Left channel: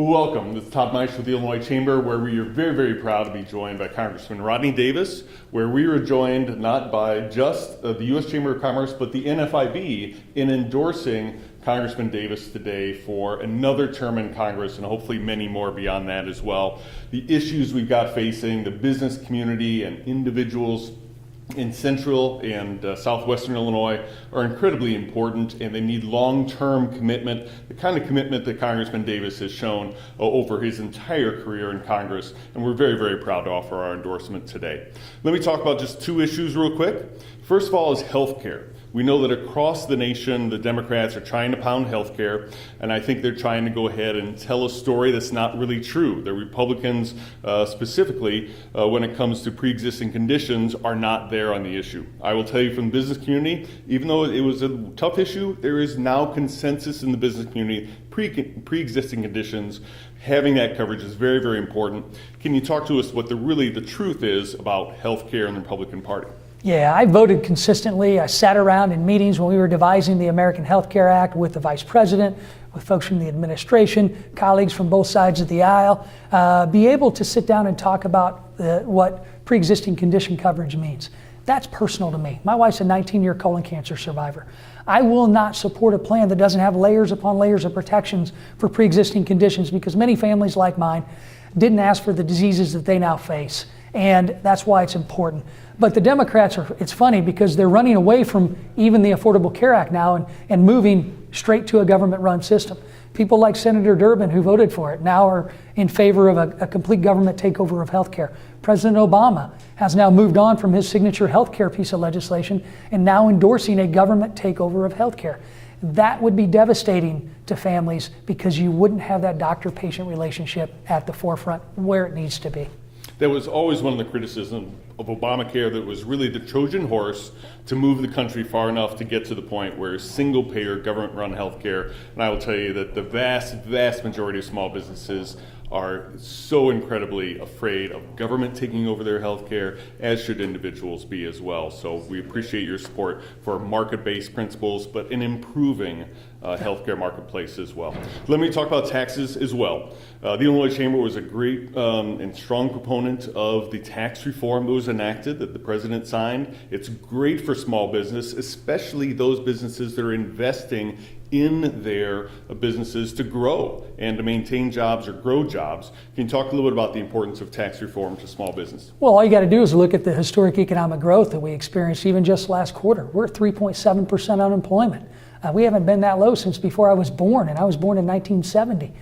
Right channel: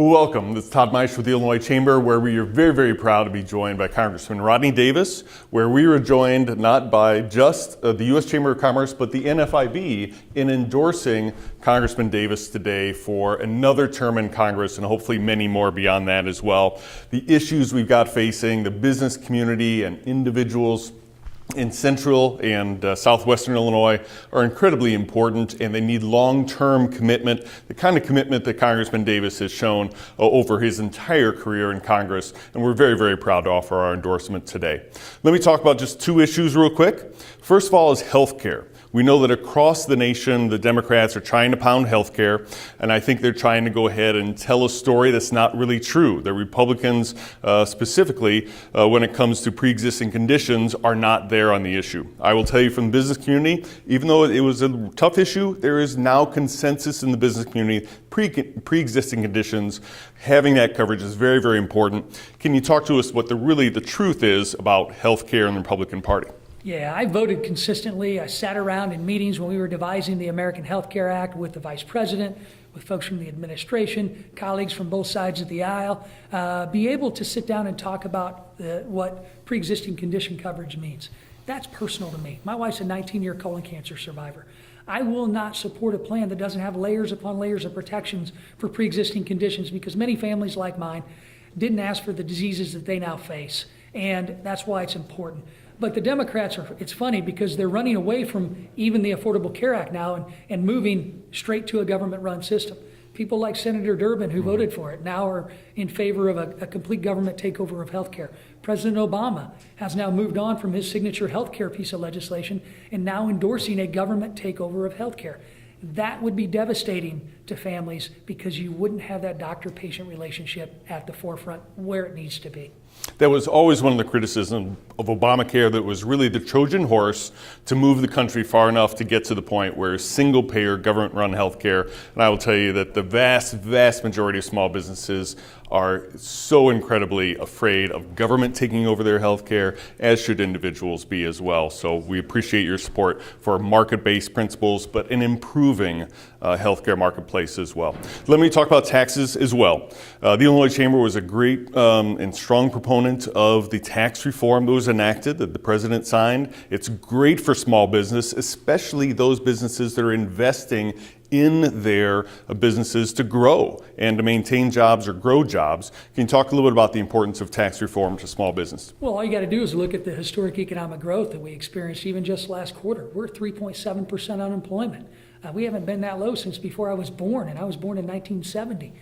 Well, welcome. This is Todd Meisch with the Illinois Chamber, where we are very, very proud to be joined by Congressman Rodney Davis, where we were joined not by just the U.S. Chamber of Commerce, but the NFIB in endorsing Congressman Davis today for another term in Congress and hopefully many more beyond that as well. The issues we've got facing the business community and individuals in central and southwestern Illinois are incredibly important, and they need long-term commitment, the kind of commitment that Congressman Davis has shown over his entire career in Congress, and we're very, very proud to offer our endorsement today. Let me talk about just two issues real quick. First of all is health care. We know that across the nation, the Democrats are trying to pound health care, and I think they're trying to go ahead and tell a story that's not really true. The Republicans, specifically, when it comes to pre-existing conditions, are not there on the issue. I will tell you from the business community, even though it was a tough issue, there is now consensus in the business community, pre-existing conditions, having that coverage is very, very important. Can you talk to us what the truth is about health care in the Republican Party? Yeah, I voted consistently. I sat around in meetings when we were devising the American Health Care Act with the Vice President, with folks from the administration, colleagues from both sides of the aisle, be able to sit down and talk about what pre-existing condition coverage means. That's personal to me. My wife's a 19-year colon cancer survivor. I will not support a plan that doesn't have layers upon layers of protections for pre-existing conditions, because many families like mine didn't ask for the diseases that they now face, and that's why it's important. But the Democrats it's funny because they're running away from even the Affordable Care Act now and moving straight to a government-run system. People like Senator Durbin, who voted for it, now are in favor of a complete government takeover of health care. President Obama has now moved on from his signature health care piece of legislation and now endorsing a government takeover of health care. That would be devastating to families because you wouldn't have that doctor-patient relationship at the forefront where it needs to be. That was always one of the criticisms of Obamacare, that was really the Trojan horse to move the country far enough to get to the point where single-payer, government-run health care. And I will tell you that the vast, vast majority of small businesses are so incredibly afraid of government taking over their health care, as should individuals be as well. So we appreciate your support for market-based principles, but an improving healthcare marketplace as well. Let me talk about taxes as well. The Illinois Chamber was a great and strong proponent of the tax reform that was enacted, that the president signed. It's great for small business, especially those businesses that are investing in their businesses to grow and to maintain jobs or grow jobs. Can you talk a little bit about the importance of tax reform to small business? Well, all you got to do is look at the historic economic growth that we experienced even just last quarter. We're at 3.7% unemployment. We haven't been that low since before I was born, and I was born in 1970.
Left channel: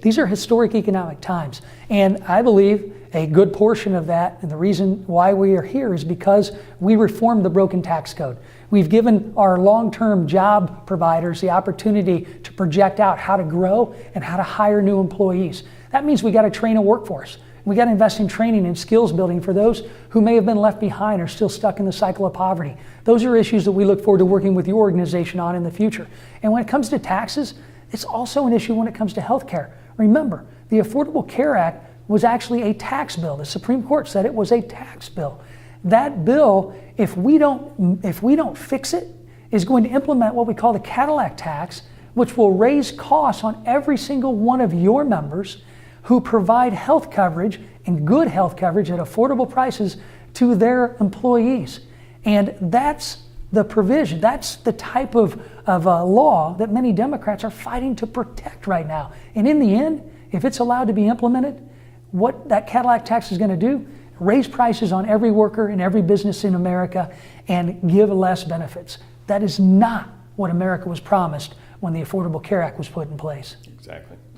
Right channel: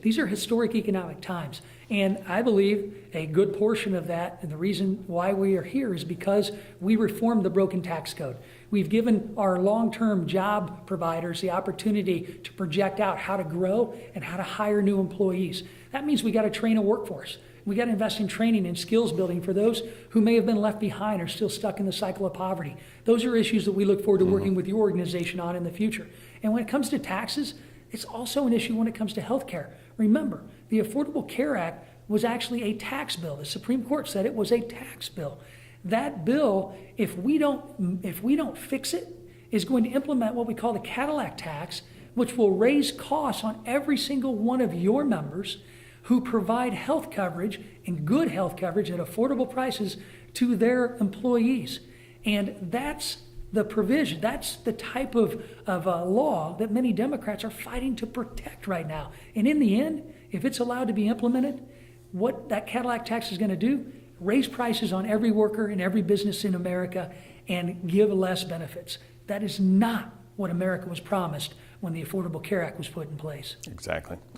These are historic economic times, and I believe a good portion of that, and the reason why we are here, is because we reformed the broken tax code. We've given our long-term job providers the opportunity to project out how to grow and how to hire new employees. That means we got to train a workforce. We got to invest in training and skills building for those who may have been left behind or still stuck in the cycle of poverty. Those are issues that we look forward to working with your organization on in the future. And when it comes to taxes, it's also an issue when it comes to health care. Remember, the Affordable Care Act was actually a tax bill. The Supreme Court said it was a tax bill. That bill, if we don't fix it, is going to implement what we call the Cadillac tax, which will raise costs on every single one of your members who provide health coverage and good health coverage at affordable prices to their employees. And that's the provision, that's the type of law that many Democrats are fighting to protect right now. And in the end, if it's allowed to be implemented, what that Cadillac tax is going to do, raise prices on every worker in every business in America and give less benefits. That is not what America was promised when the Affordable Care Act was put in place.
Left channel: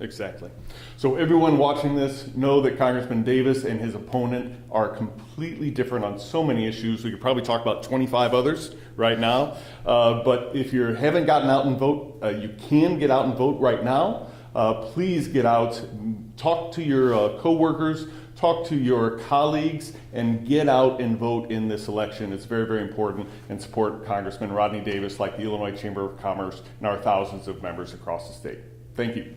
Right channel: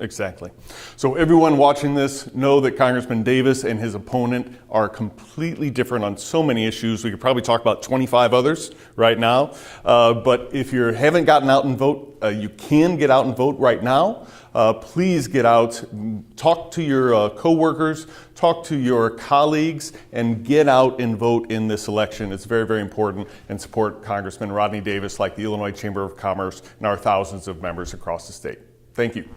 Exactly. So everyone watching this, know that Congressman Davis and his opponent are completely different on so many issues. We could probably talk about 25 others right now. But if you haven't gotten out and vote, you can get out and vote right now. Please get out, talk to your coworkers, talk to your colleagues, and get out and vote in this election. It's very, very important, and support Congressman Rodney Davis, like the Illinois Chamber of Commerce and our thousands of members across the state. Thank you.